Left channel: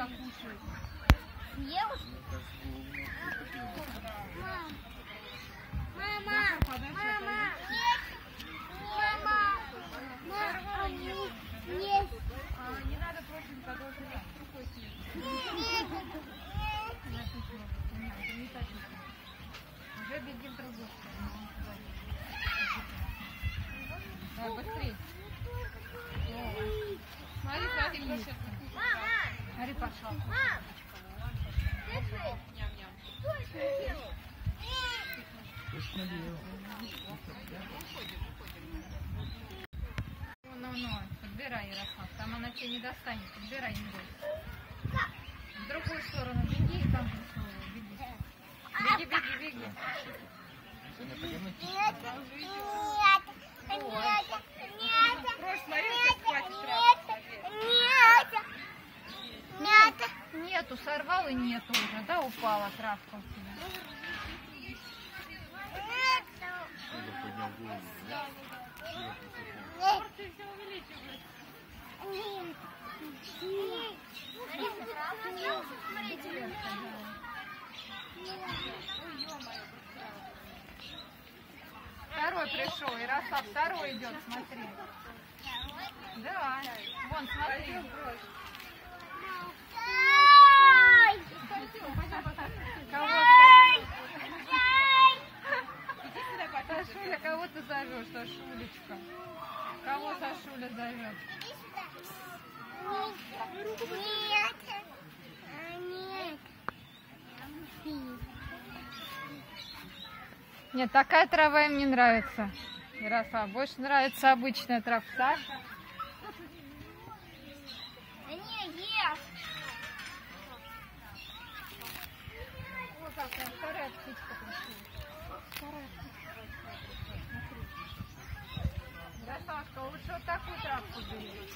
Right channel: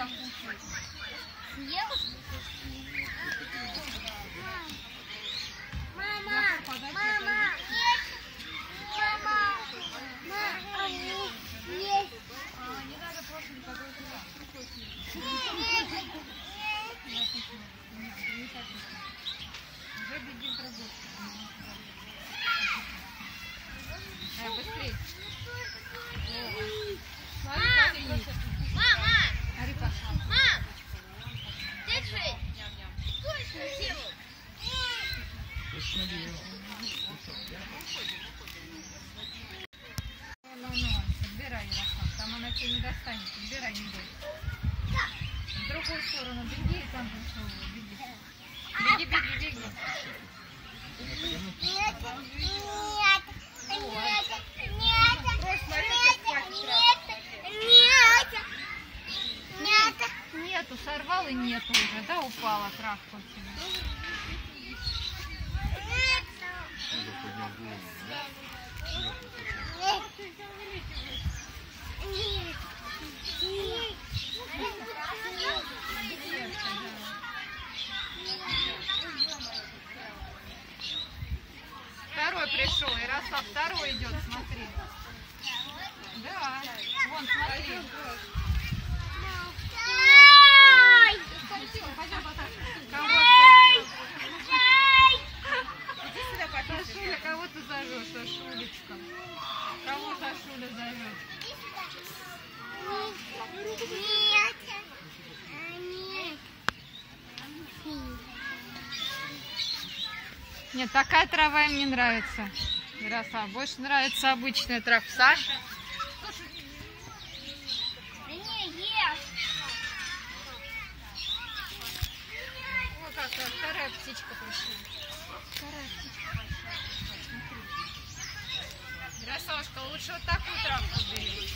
всегда кушает. Съел? Мама! Мама! Нет! Мама! Мама! Нет! Не надо просто никакой уже бегим другой. Давай быстрее. Мама! Ари пошла. Мам! Держи! Что это делал? Ну, подбирай, Ярослав, там она тебя не достанет, подбирай, не бойся. В другую сторону беги и там беги. Беги, беги, беги. Брось, смотри, как хватит сразу. Нету, сорвал и нету уже, да, упала травка у тебя. Второй пришел, Ярослав, второй идет, смотри. Да, вон, смотри. Иди сюда, Сашуля, кого ты зовешь, Сашулечка? Кого Сашуля зовет? Нет, такая трава им не нравится, Ярослав. Больше нравится обычная трава. Саша? Ой, какая вторая птичка пришла. Вторая птичка пришла. Смотри. Ярославушка, лучше вот такую травку бери.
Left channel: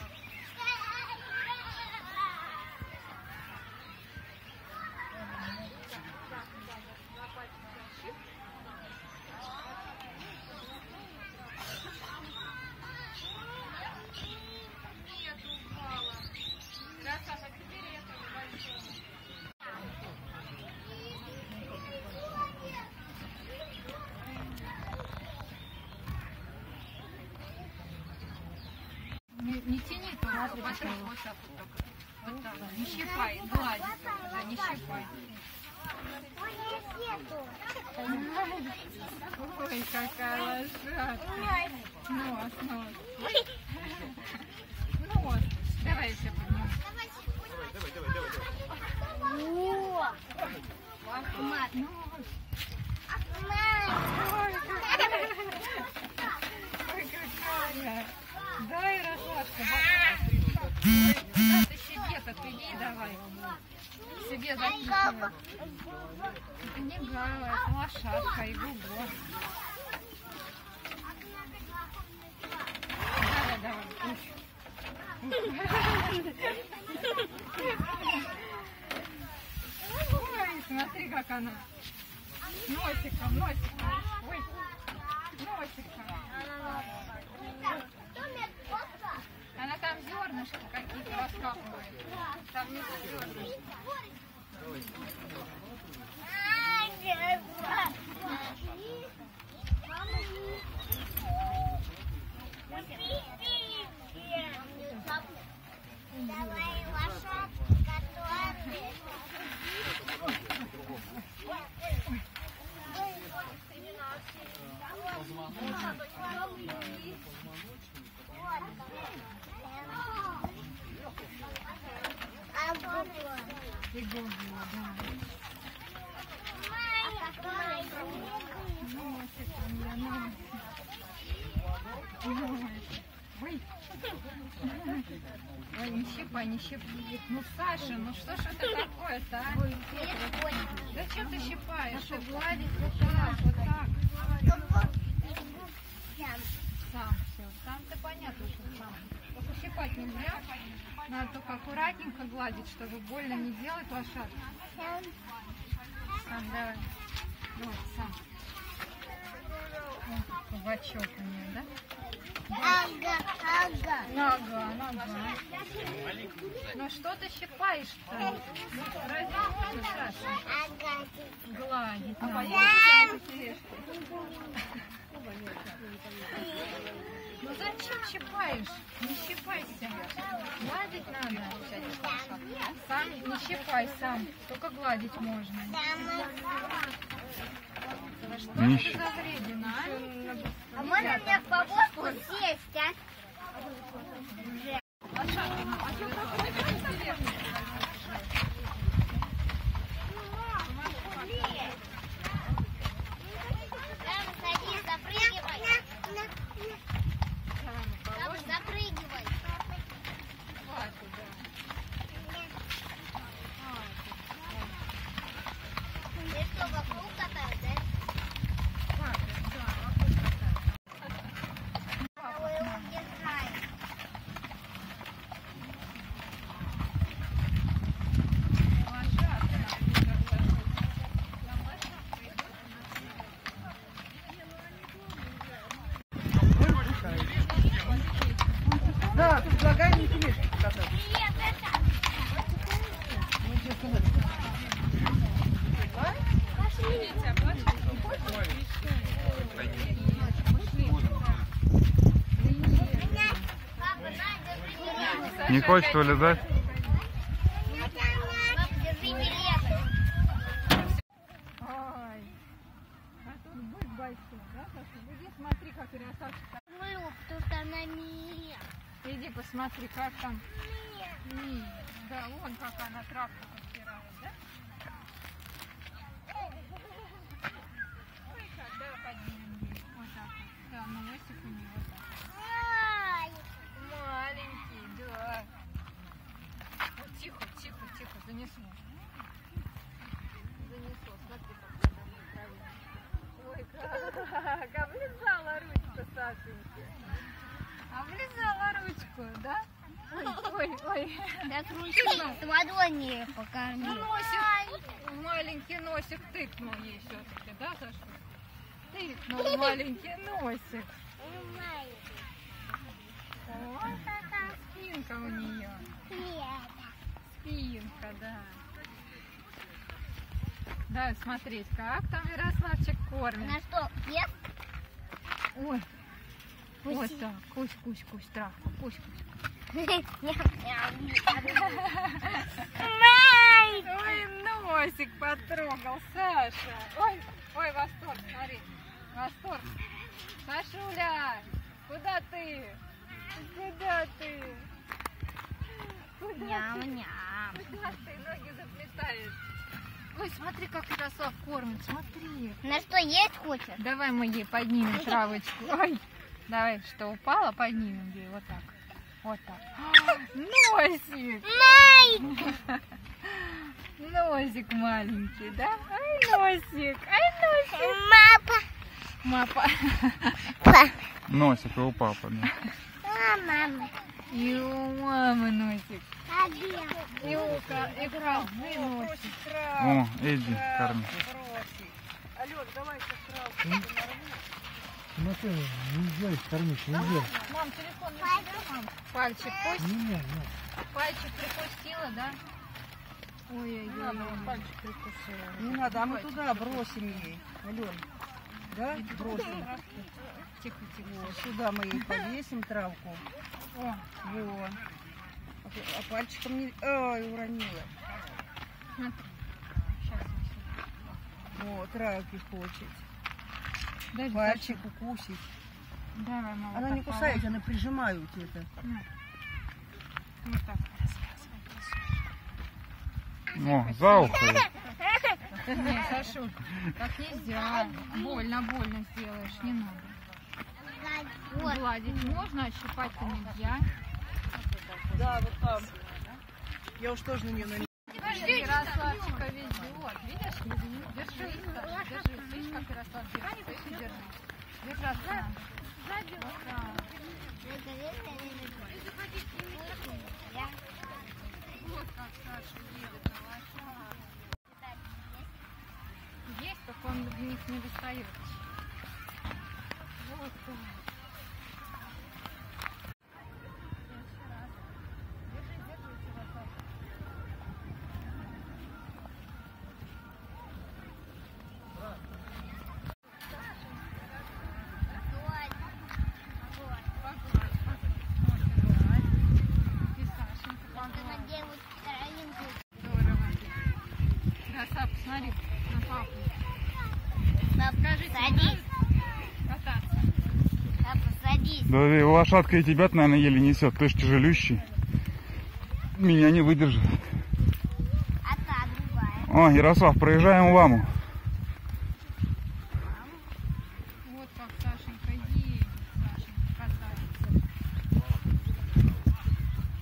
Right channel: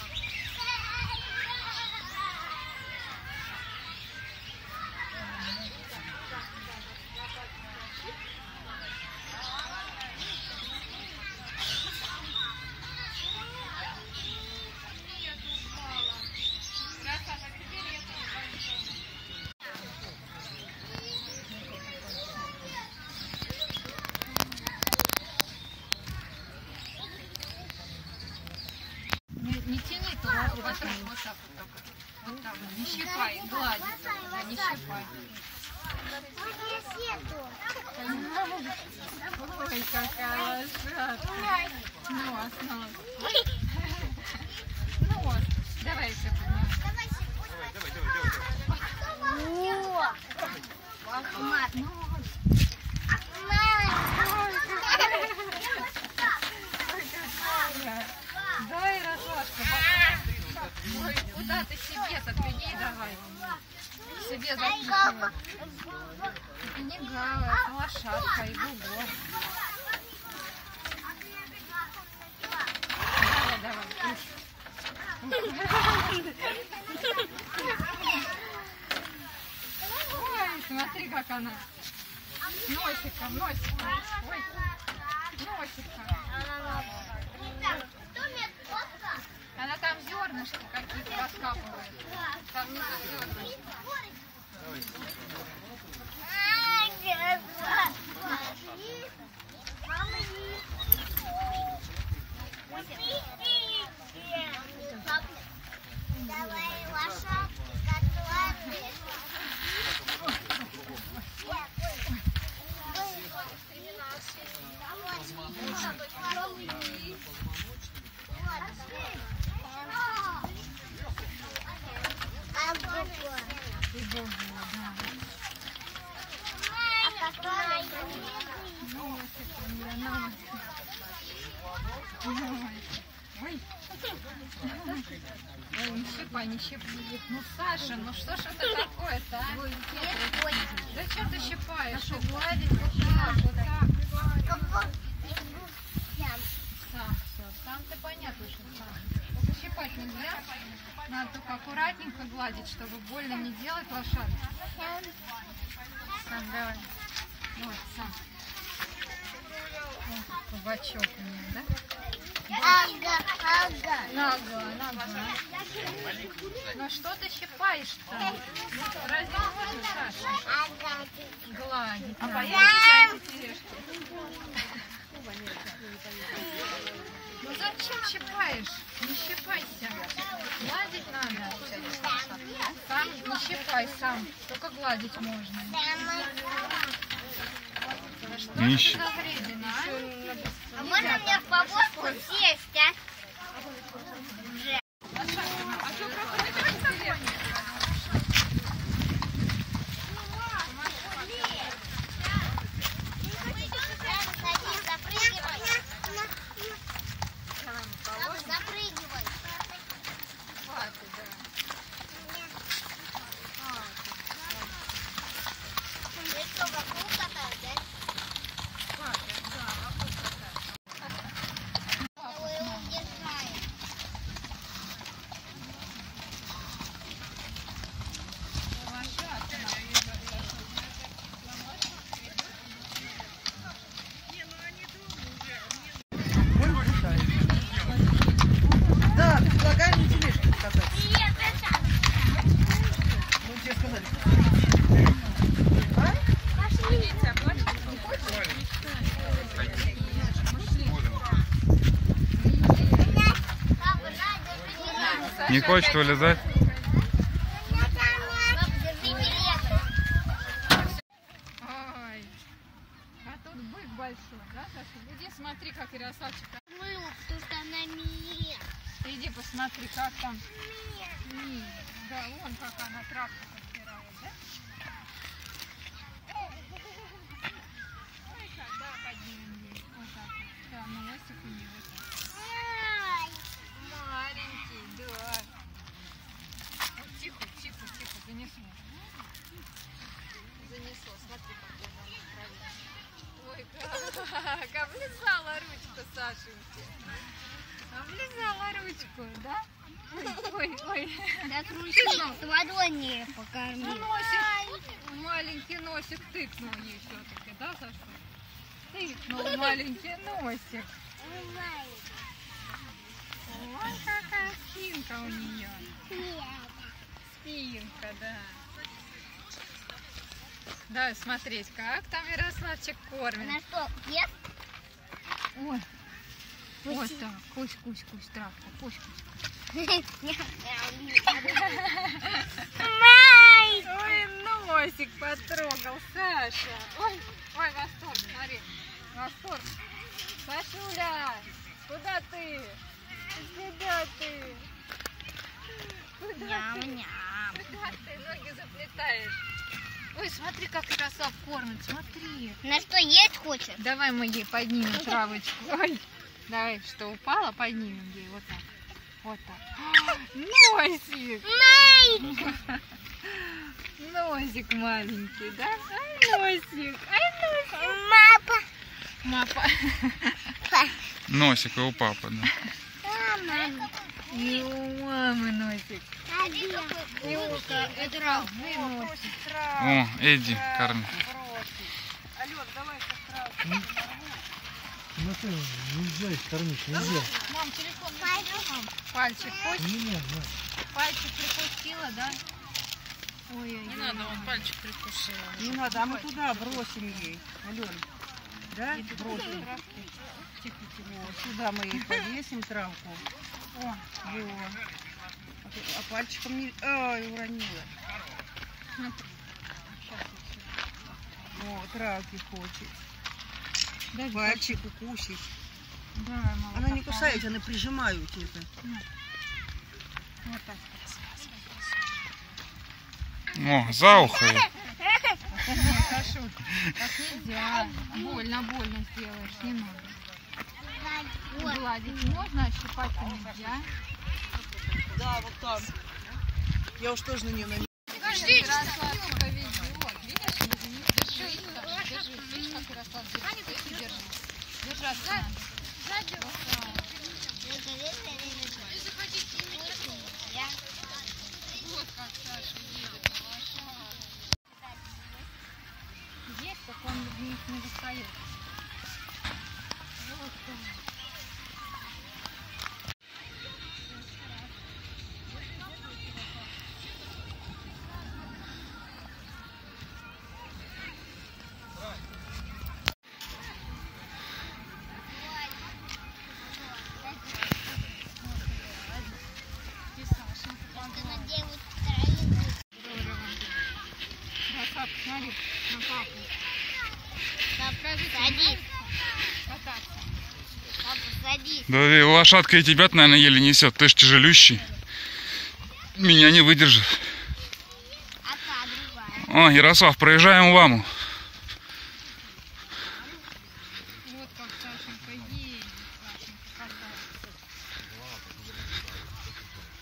Не тяни только, потрогай вот так вот только. Вот так, не щипай, глади только, да, не щипай. Ой, какая лошадка. Нос, нос. Нос. Давай еще поднимем. Ахмат. Нос. Ой, какая. Да, Ярославушка. Ой, куда ты себе-то приди, давай. Себе запихивай. Это не гава, это лошадка, иду в гор. Давай, давай. Ой, смотри, как она. Носиком, носиком. Ой, носиком. Она там зернышки какие-то раскапывает. Там внизу зернышки. Пригодила, да. Носик у меня, носик. Ой. Ой, не щипай, не щипай. Ну, Саша, ну что ж это такое-то, а? Да что ты щипаешь? Ты гладить вот так, вот так. Сам все. Сам-то понятно, что сам. Только щипать нельзя. Надо только аккуратненько гладить, чтобы больно не делать лошадке. Сам, давай. Вот, сам. Кабачок у нее, да? Ага, ага. Нога. Ну что ты щипаешь-то? Разве можно, Саша? Ага. Гладить надо. Ну зачем щипаешь? Не щипайся. Гладить надо. Сам не щипай, сам. Только гладить можно. Да что Не ж ты за вредина, А можно мне в повозку сесть, а? Садись, запрыгивай. Запрыгивай. Ты что, вокруг катаешь, да? Его удержаем. Да, предлагаем на тележке покататься. Ну, тебе сказали. Папа, на, держи билет. Не хочет вылезать? Папа, держи билет. Ой, а тут бык большой, да, Саша? Иди смотри, как красавчик. Ну, потому что она мия. Иди посмотри, как там. Да, вон как она травку подбирает, да? Ой, как, да, поднимем ее. Вот так вот. Да, носик у нее вот так. Маленький, да. Вот тихо, занесло. Занесло, смотри, как она ой, как облизала ручку Сашеньки. Облизала ручку, да? Ой. Так ручку с ладони Ну, покормил. носик, маленький носик тыкнул ей все-таки, да, Саша? Тыкнул маленький носик. Ой, какая спинка у нее. Спинка, да. Давай смотреть, как там Ярославчик кормит. Она что, ест? Ой, вот так, кусь, травку, кусь. Май! Ой, носик потрогал, Саша. Ой, восторг, смотри, восторг. Сашуля, куда ты? Куда ты? Ням-ням. Куда ты ноги заплетаешь? Ой, смотри, как Ярослав кормит, смотри. На что есть хочет? Давай мы ей поднимем травочку. Ой, давай, что упало, поднимем ей вот так. Вот так. Носик! Май! Носик маленький, да? Ай, носик! Мапа! Мапа. Носик и у папы, да. Мама. И у мамы носик. Илка, это Травы носик. О, иди, корми. Ну что, нельзя их кормить, нельзя. Мам, телефон не берешь, мам? Пальчик хоть? Не, Пальчик прикусила, да? Ой-ой-ой. Не надо, он пальчик прикусила. не надо, а мы туда бросим ей, Ален. Да? Бросим. Тихо. Вот, сюда мы ей повесим травку. О, Вот. А пальчиком не... Ай, уронила. смотри. Сейчас Вот, травки хочет. дай Пальчик укусить. Давай, мама. Она не так, кусает, она прижимают это. Вот так. О, за ухо. ей. Нет, Сашуль, так нельзя. Больно сделаешь, не надо. Гладить можно, а щипать-то нельзя. Да, вот там. Я уж тоже на нее намерена. Ярославчика везет. Видишь? Держи, Саша, держи. Видишь, как Ярослав держит? Ты держи. Держаться надо. Вот так. Вот как Саша едет на лошадке. Есть, только он в них не достает. И Сашенька погладь. Делают травинку. Да, папа, смотри на папу. Садись. Кататься. Папа, садись. Да и лошадка и тебя, наверное, еле несет. Ты ж тяжелющий. Меня не выдержит. А та другая. О, Ярослав, проезжаем Ламу. Вот как Сашенька едет. Сашенька катается.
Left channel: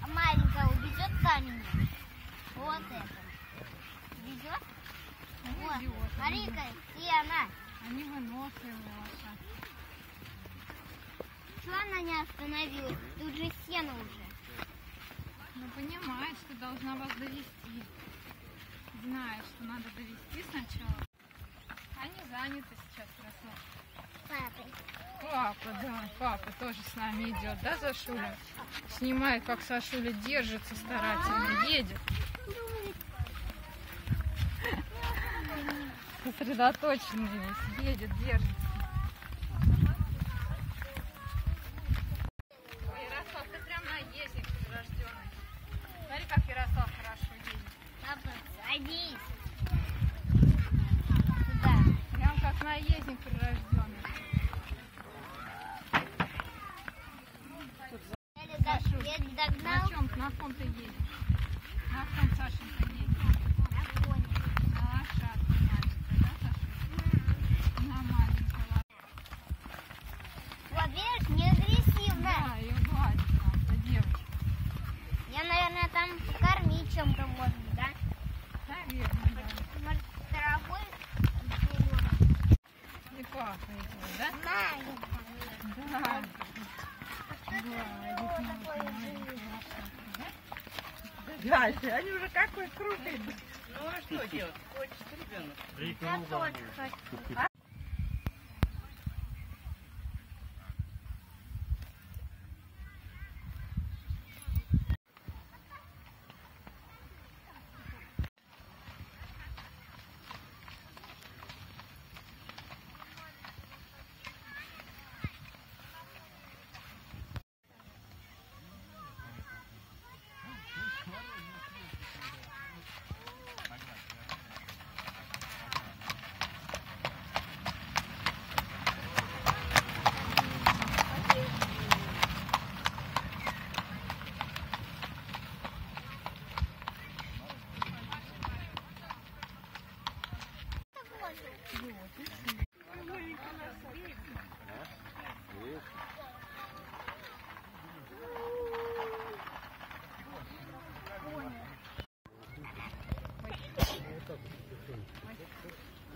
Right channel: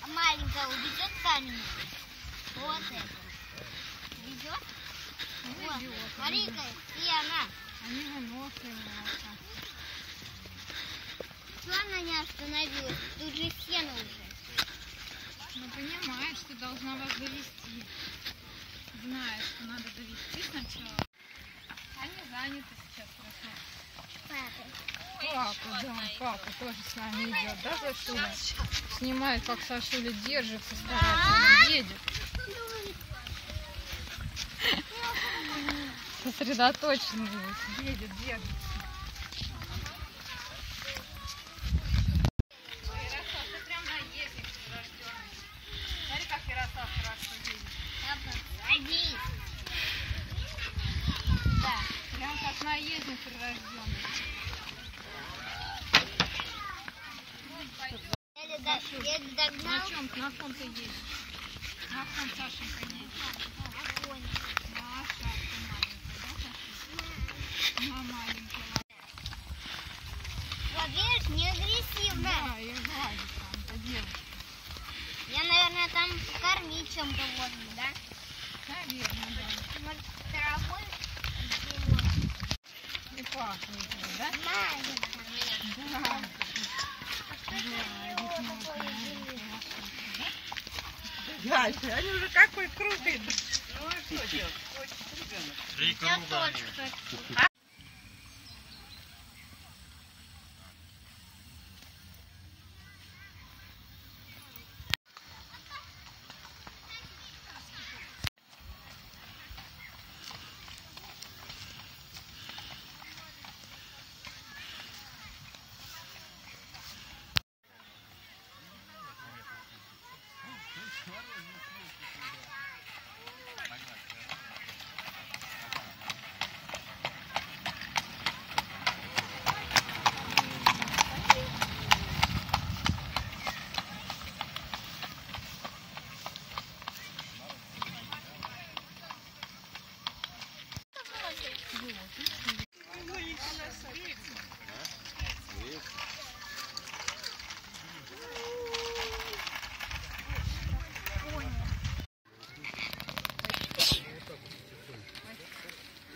А маленькая увезет камень? Вот это. Ведет? Вот. Ведет. Смотри-ка, и она. Они выносливые. Что она не остановилась? Тут же сено уже. Ну, понимаешь, ты должна вас довести. Знаешь, что надо довести сначала. Они заняты сейчас хорошо. Папа. Папа, да, папа тоже с нами идет, да, Сашуля? Снимает, как Сашуля держится, старательно едет. Сосредоточенно едет, держится. Ярослав, ты прям наездник прирожденный. Смотри, как Ярослав хорошо едет. Папа, садись. Сюда. Прям как наездник прирожденный. Я догнал. На ком ты едешь? На ком Сашенька едет? На шапке маленькой, да, Саша? На маленькой. Вот видишь, не агрессивно. Да, и гладит там, это девушка. Я, наверное, там покормить чем-то можно, да? Наверное, Может, травой? да. И пахнет, да? Маленькая. Да. Дальше, они уже какой крупный. Ну а что делать? Хочет ребенок.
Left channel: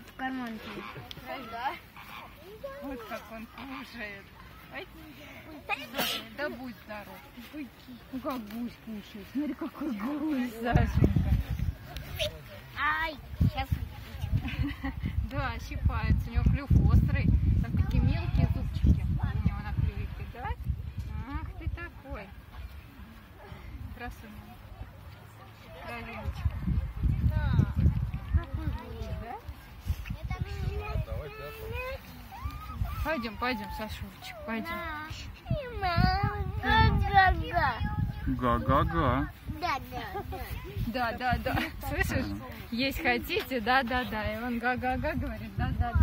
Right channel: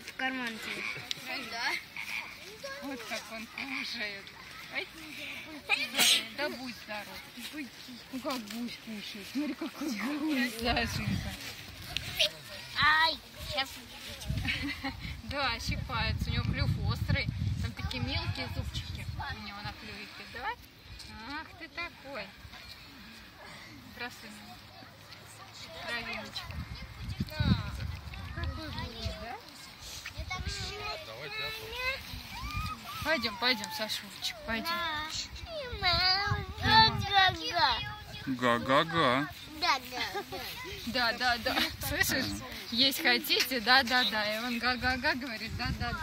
В карман тебе. Да. Вот как он кушает. Ай. Да будь здоров. Ну как гусь кушает. Смотри, какой гусь, Сашенька. Ай, сейчас. Да, щипается. У него клюв острый. Там такие мелкие зубчики у него на клювике. Давай. Ах ты такой. Красавица. Травиночка. Какой гусь, да? Пойдем, пойдем, Сашулечек, пойдем. Га-га-га. Да. Слышишь? Есть хотите? Да. И он га-га-га говорит, да. Да,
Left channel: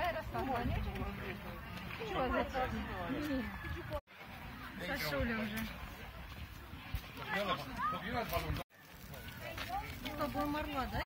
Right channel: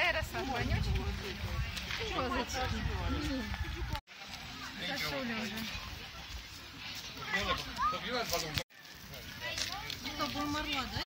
Ярослав, вонючий? Козочки. Сашуля уже. Чтобы умерла, да?